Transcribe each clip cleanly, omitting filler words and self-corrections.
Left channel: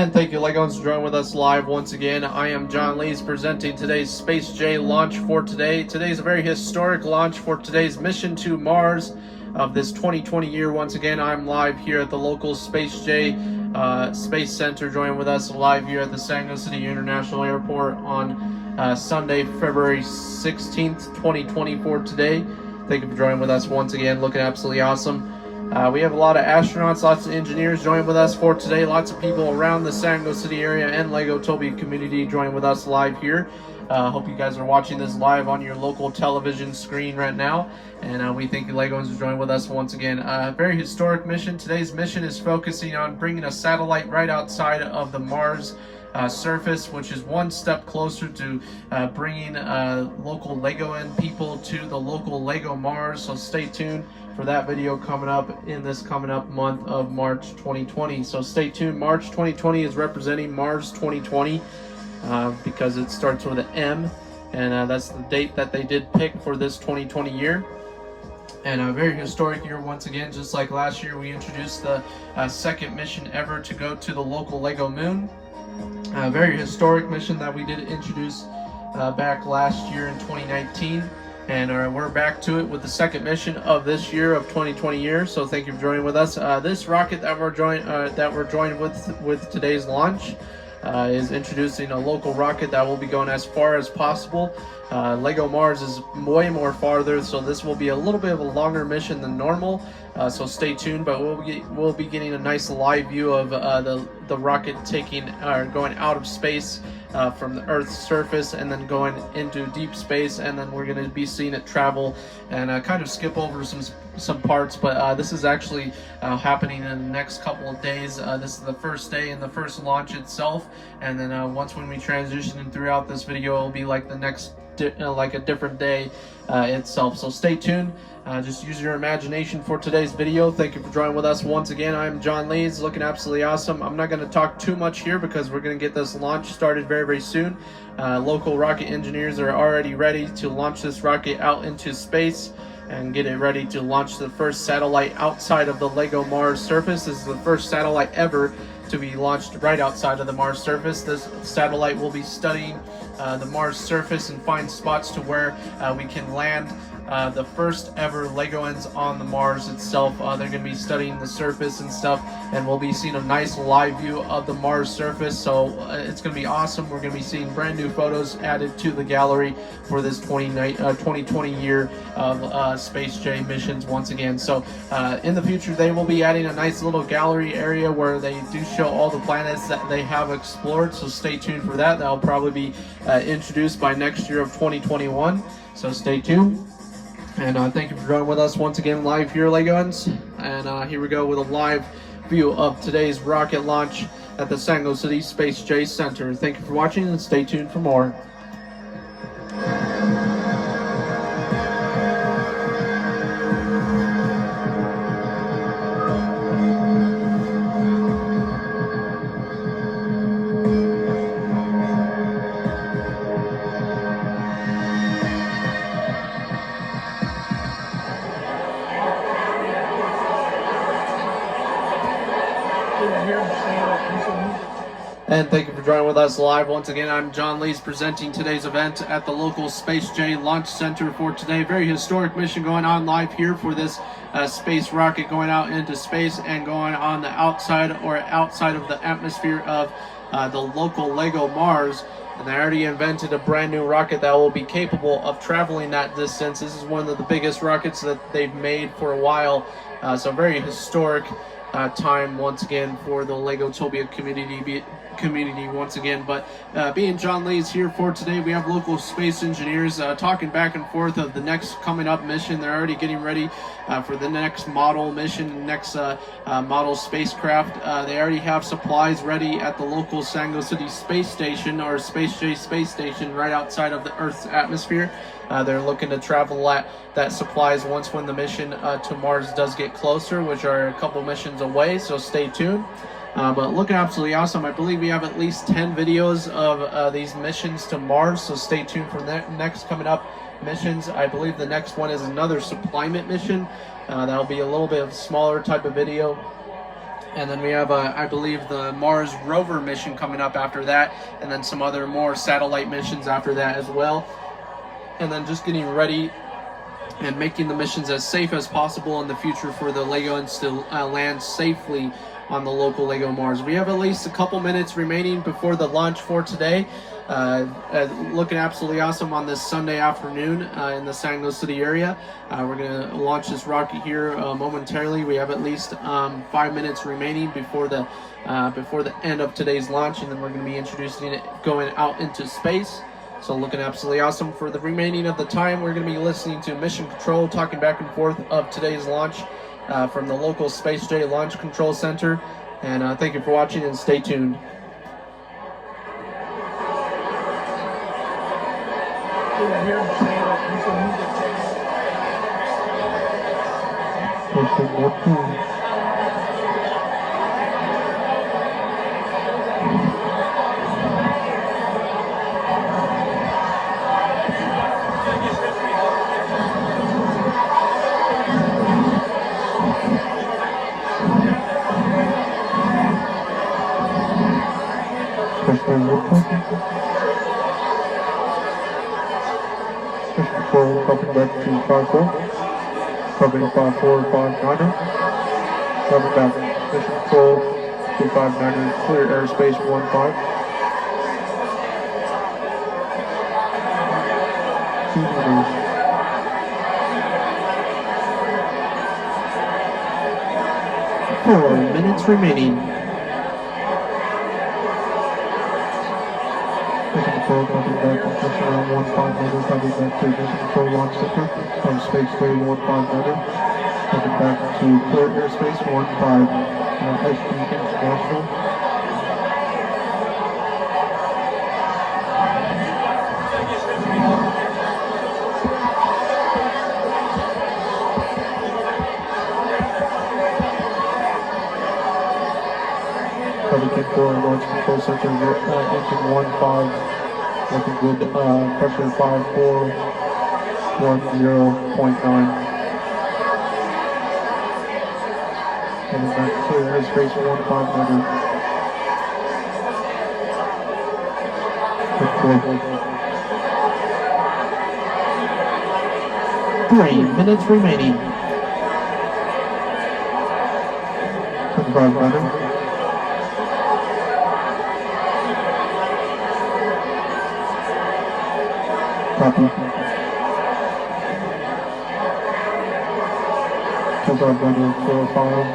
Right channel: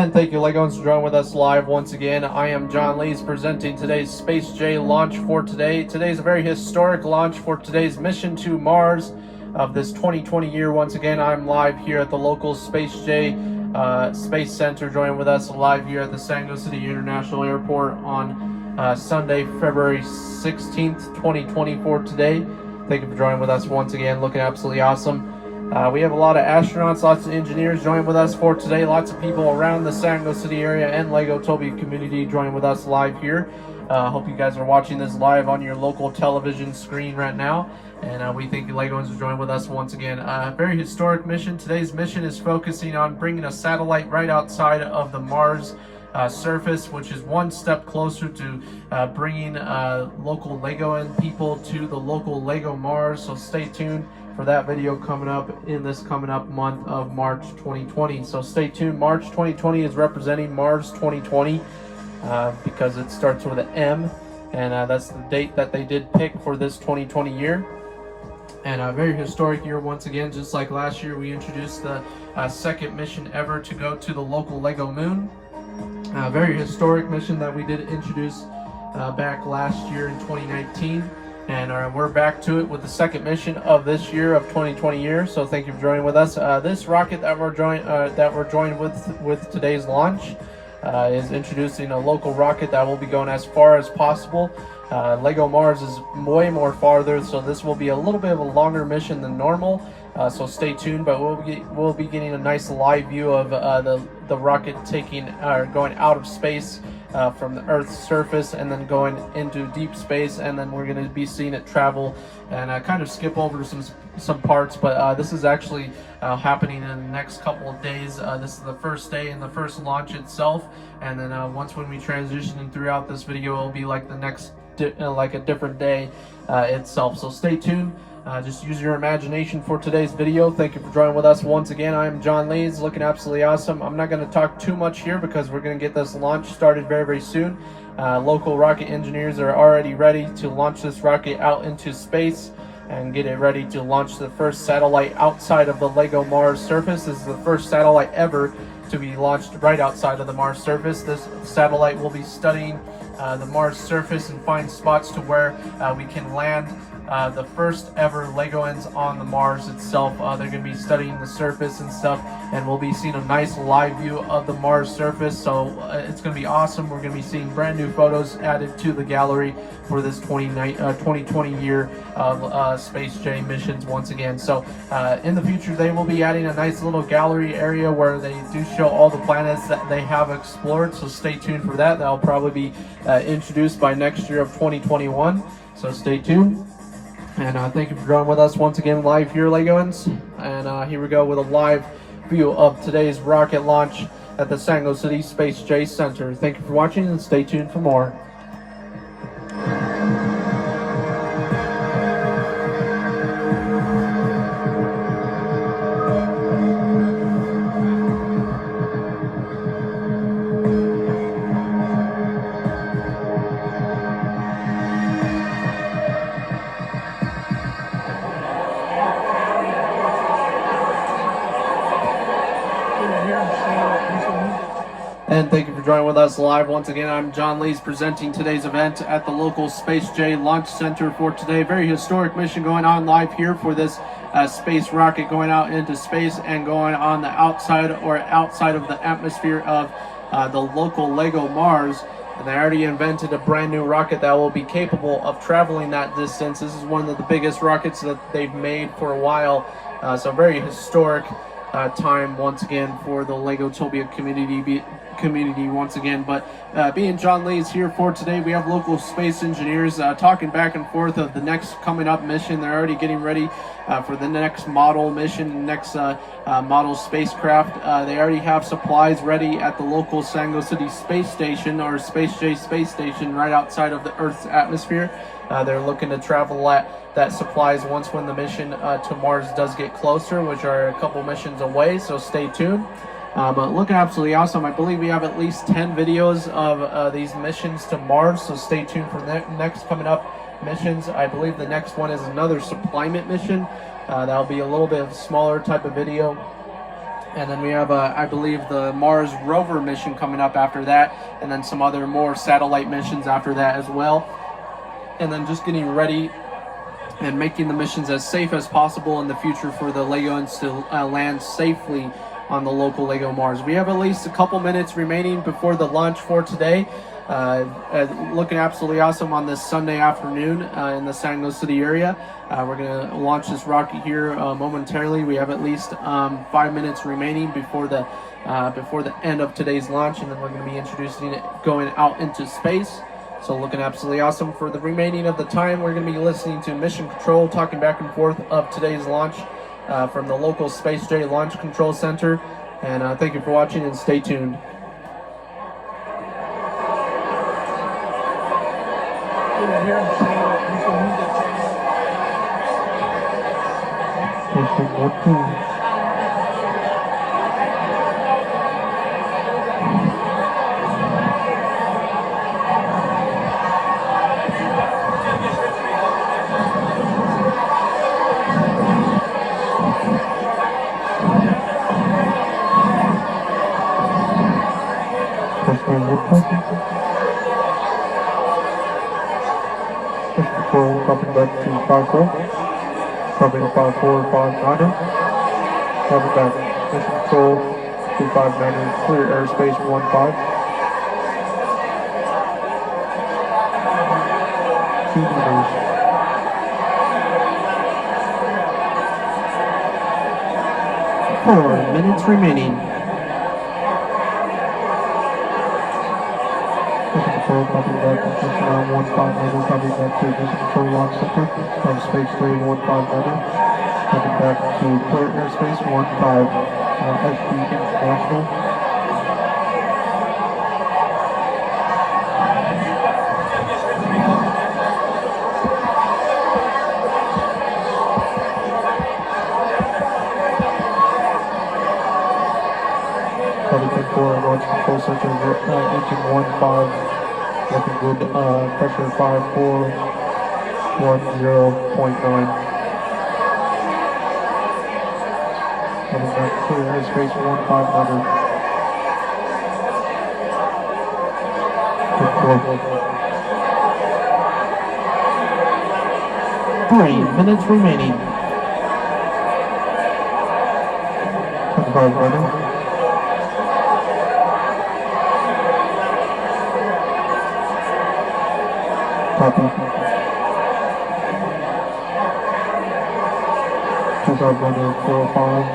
And thank you, Legos, for joining with us live once again. I am John Lees presenting today's Space J launch for today. Today's a very historic launch for today's mission to Mars of this 2020 year. Once again, I'm live here at the local Space J Space Center, joining with us live here at the San Diego City International Airport on Sunday, February 16th, 2024 today. Thank you for joining with us once again. Looking absolutely awesome. We have a lot of astronauts, lots of engineers joining with us for today. Lots of people around the San Diego City area and Legotopia community joining with us live here. Hope you guys are watching this live on your local television screen right now. And we thank you, Legos, for joining with us once again. Very historic mission. Today's mission is focusing on bringing a satellite right outside of the Mars surface, which is one step closer to bringing local Legoan people to the local Lego Mars. So stay tuned for that video coming up in this coming up month of March 2020. So stay tuned. March 2020 is representing Mars 2020 because it starts with an M, and that's the date that they did pick for this 2020 year. And a very historic year once again. Just like last year, we introduced the second mission ever to go to the local Lego moon. A very historic mission that we did introduce back last year in 2019. And we're back to it with the second mission of this year of 2020 year. So thank you for joining with us. This rocket that we're joined with today's launch is introducing a local rocket that will be going as far as possible. Lego Mars is way more farther, so this will be a little bit of a longer mission than normal. So stay tuned, but we'll be getting a nice live view of the rocket going out of space from the Earth's surface and then going into deep space, and then we're going to be seeing it travel and kind of skip over some parts. But this is actually happening in the next couple of days. This is the first day and the first launch itself, and then when we transition and throughout this video, it'll be like the next like a different day itself. So stay tuned. Just use your imagination for today's video. Thank you for joining with us once again. I'm John Lees, looking absolutely awesome. I'm not going to talk too much here because we're going to get this launch started very, very soon. Local rocket engineers are already ready to launch this rocket out into space and get it ready to launch the first satellite outside of the Lego Mars surface. This is the first satellite ever to be launched right outside of the Mars surface. This satellite will be studying the Mars surface and find spots to where we can land the first ever Legoans on the Mars itself. They're going to be studying the surface and stuff, and we'll be seeing a nice live view of the Mars surface. So it's going to be awesome. We're going to be seeing brand new photos added to the gallery for this 2020 year of Space J missions once again. So in the future, they will be adding a nice little gallery area where they do show all the planets that they have explored. So stay tuned for that. That'll probably be introduced by next year of 2021. So stay tuned. And thank you for joining with us once again live here, Legoans. And here we go with a live view of today's rocket launch at the San Diego City Space J Center. Thank you for watching and stay tuned for more. And thank you for joining with us live once again. I'm John Lees presenting today's event at the local Space J Launch Center for today. Very historic mission going on live here for this space rocket going out into space and going on the outside of the atmosphere of the local Lego Mars. And they already invented a brand new rocket that will be capable of traveling that distance. This is one of the biggest rockets that they've made for a while. So very historic time once again for the Legotopia community once again. But being John Lees here for today, we have local space engineers talking back and forth of the next coming up mission. They're already getting ready for the next model mission, next model spacecraft. They already have supplies ready at the local San Diego City Space Station, or Space J Space Station, right outside of the Earth's atmosphere. They're looking to travel that supplies when the mission to Mars does get closer, which are a couple missions away, so stay tuned. But looking absolutely awesome. I believe we have at least 10 videos of these missions to Mars, so stay tuned for the next coming up missions. I believe the next one is another supplement mission. That'll be a little bit of a smaller type of video. And then we have, I believe, the Mars rover mission coming up after that, and then some other more satellite missions after that as well. And then just getting ready and making the missions as safe as possible in the future for the LEGOans to land safely on the local LEGO Mars. We have at least a couple minutes remaining before the launch for today. Looking absolutely awesome on this Sunday afternoon in the San Luis City area. We're going to launch this rocket here momentarily. We have at least 5 minutes remaining before the end of today's launch, and then we're going to be introducing it going out into space. So looking absolutely awesome. For the remaining of the time, we're going to be listening to Mission Control talking back and forth of today's launch from the local Space J Launch Control Center. And thank you for watching, and stay tuned. Control, copy back to 5-4. Copy 5-4-5-9. Copy back. Mission Control, 259, clear airspace 15. 2 meters. Four minutes remaining. Mission Control, copy back. Construction around 15 copy back to Mission Control Launch Center of Space J 15 copy back to clear airspace 15, SB International. Copy 10-4, Launch Control Center, engine 15, looking good, pressure 5410.9. Coming back clear airspace 1500. 3 minutes remaining. 25 running. Copy. 2500, 405.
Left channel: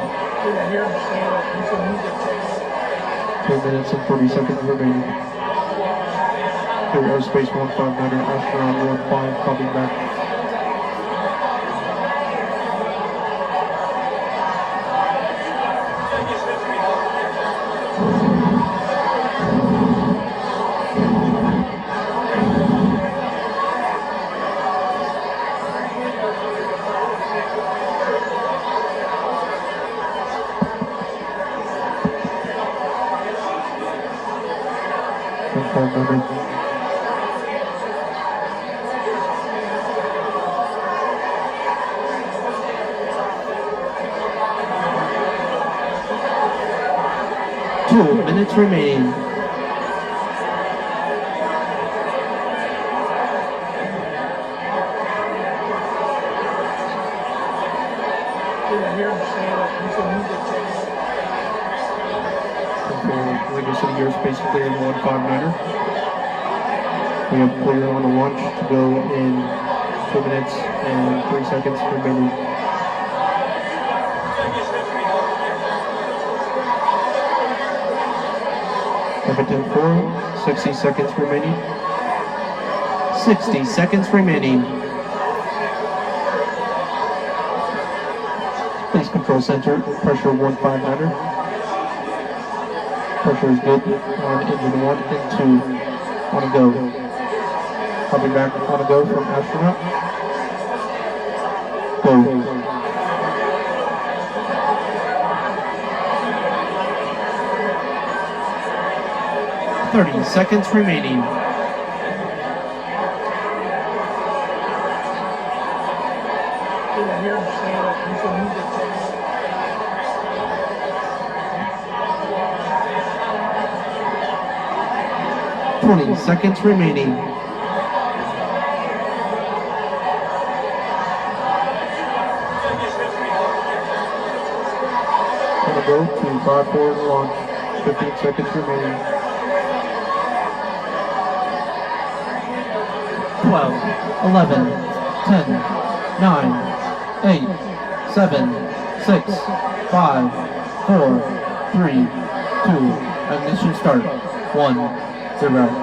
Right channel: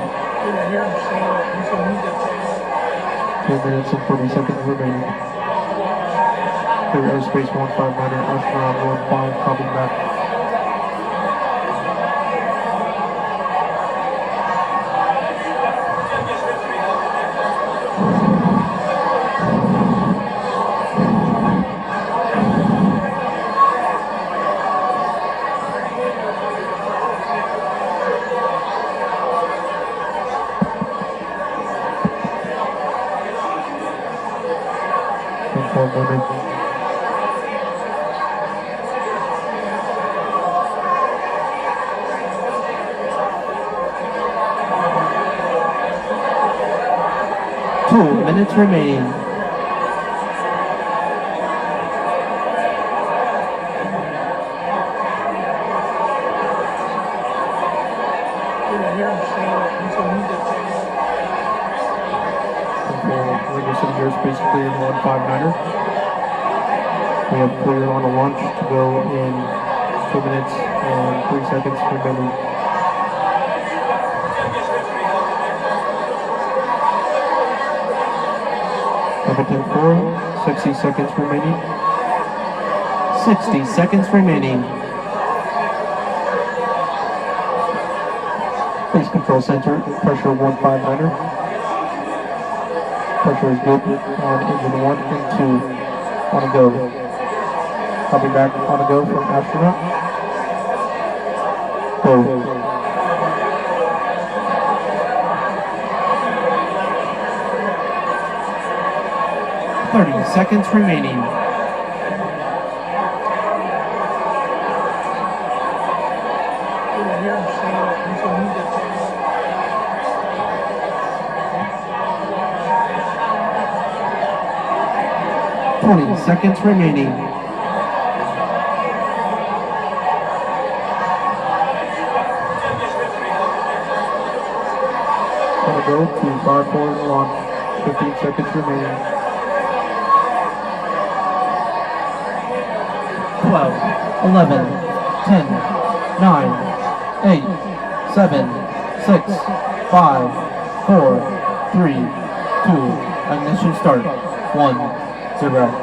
2 minutes and 30 seconds remaining. Clear airspace 1500, astronaut 15, copy back. Two minutes remain. LEGO City airspace clear in 1500. We have clear on a launch to go in 2 minutes and 3 seconds remaining. Everton 4, 60 seconds remaining. 60 seconds remaining. Space Control Center, pressure 1500. Pressure is good on engine 1 and 2. On a go. Copy back on a go from astronaut. Go. 30 seconds remaining. 20 seconds remaining. Gonna go to 5 forward launch. 15 seconds remaining. 12, 11, 10, 9, 8, 7, 6, 5, 4, 3, 2, ignition start. 1, 0.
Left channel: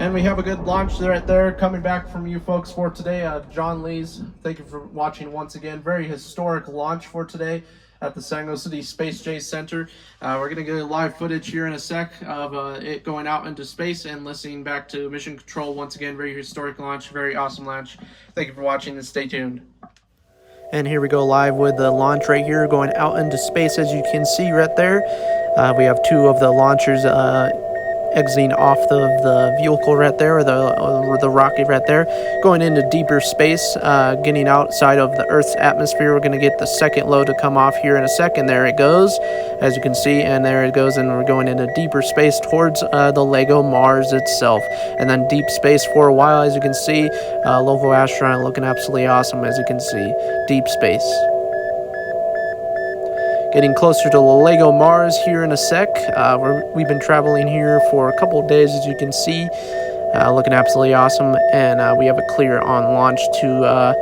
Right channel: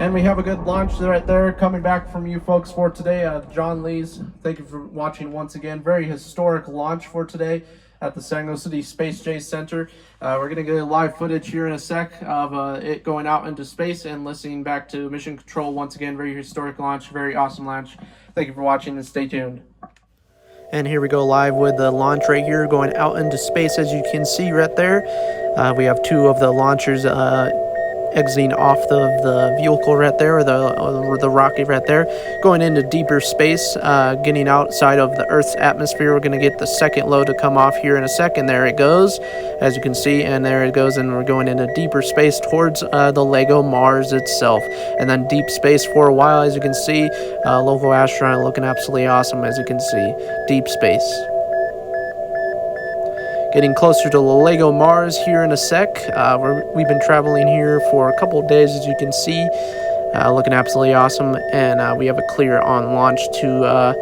And we have a good launch right there coming back from you folks for today. John Lees, thank you for watching once again. Very historic launch for today at the San Luis City Space J Center. We're going to get a live footage here in a sec of it going out into space and listening back to Mission Control once again. Very historic launch, very awesome launch. Thank you for watching and stay tuned. And here we go live with the launch right here going out into space. As you can see right there, we have two of the launchers exiting off the vehicle right there, or the rocket right there, going into deeper space, getting outside of the Earth's atmosphere. We're going to get the second load to come off here in a second. There it goes, as you can see, and there it goes, and we're going into deeper space towards the LEGO Mars itself, and then deep space for a while. As you can see, local astronaut looking absolutely awesome. As you can see, deep space. Getting closer to the LEGO Mars here in a sec. We've been traveling here for a couple of days, as you can see, looking absolutely awesome, and we have a clear on launch to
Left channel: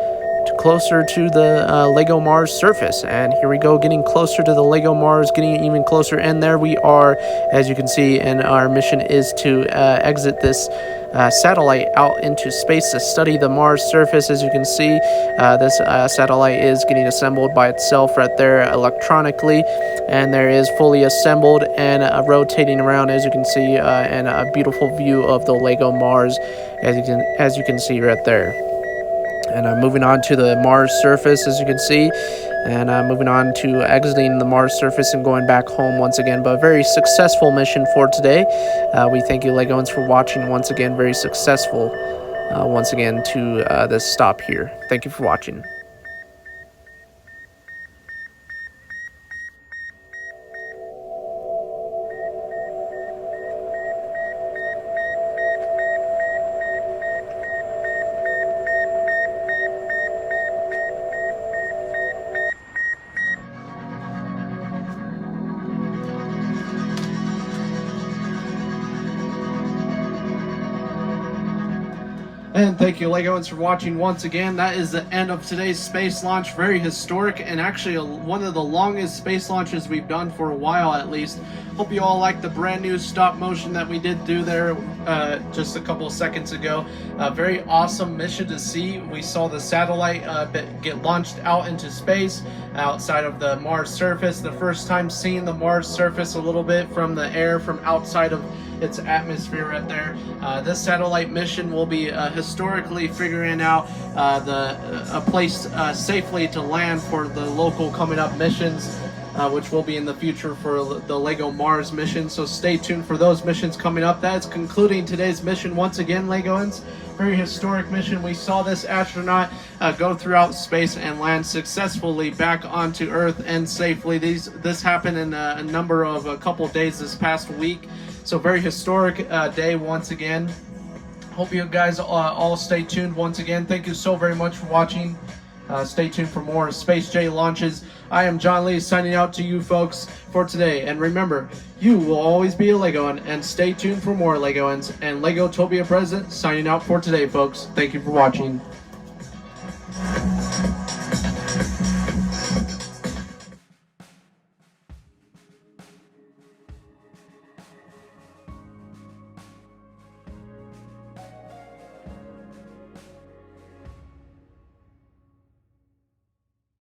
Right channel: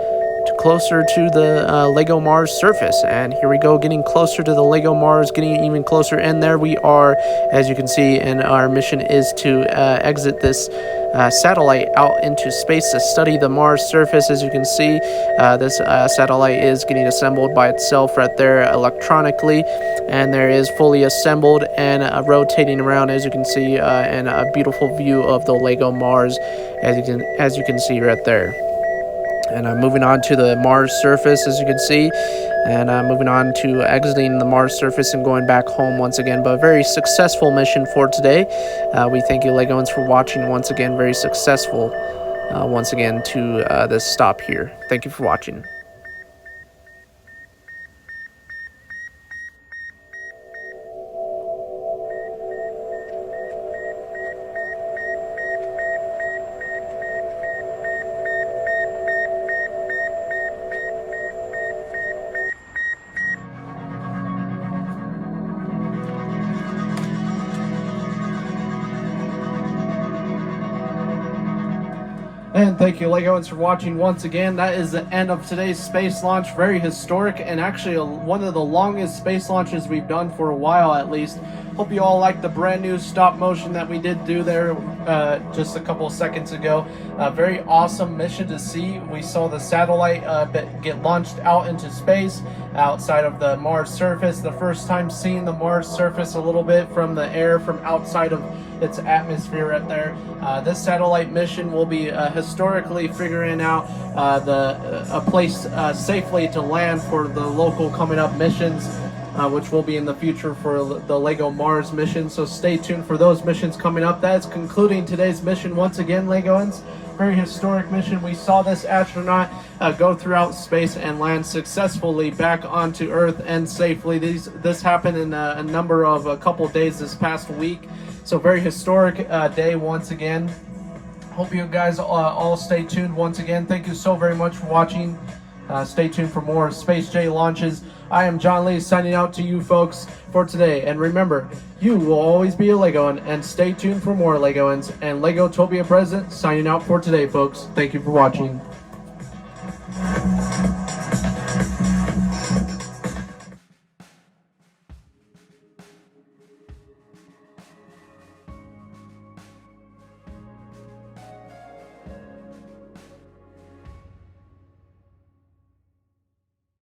closer to the LEGO Mars surface. And here we go, getting closer to the LEGO Mars, getting even closer, and there we are, as you can see, and our mission is to exit this satellite out into space to study the Mars surface. As you can see, this satellite is getting assembled by itself right there electronically, and there is fully assembled and rotating around, as you can see, and a beautiful view of the LEGO Mars, as you can see right there. And moving on to the Mars surface, as you can see, and moving on to exiting the Mars surface and going back home once again. But a very successful mission for today. We thank you, Legoans, for watching once again. Very successful once again to this stop here. Thank you for watching. And thank you, Legoans, for watching once again. That is the end of today's space launch. Very historic, and actually one of the longest space launches we've done for a while, at least. Hope you all liked the brand new stop motion that we did do there just a couple of seconds ago. Very awesome mission to see. We saw the satellite get launched out into space outside of the Mars surface. The first time seeing the Mars surface a little bit from the air, from outside of its atmosphere right there. This satellite mission will be historically figuring out a place safely to land for the local coming up missions, which will be in the future for the LEGO Mars mission. So stay tuned for those missions coming up. That is concluding today's mission once again, Legoans. Very historic mission. We saw this astronaut go throughout space and land successfully back onto Earth and safely. This happened in a couple days this past week. So very historic day once again. Hope you guys all stay tuned once again. Thank you so very much for watching, Stay tuned for more Space J launches. I am John Lee signing out to you folks for today. And remember, you will always be a Legoan, and stay tuned for more Legoans. And Legotopia Present signing out for today, folks. Thank you for watching.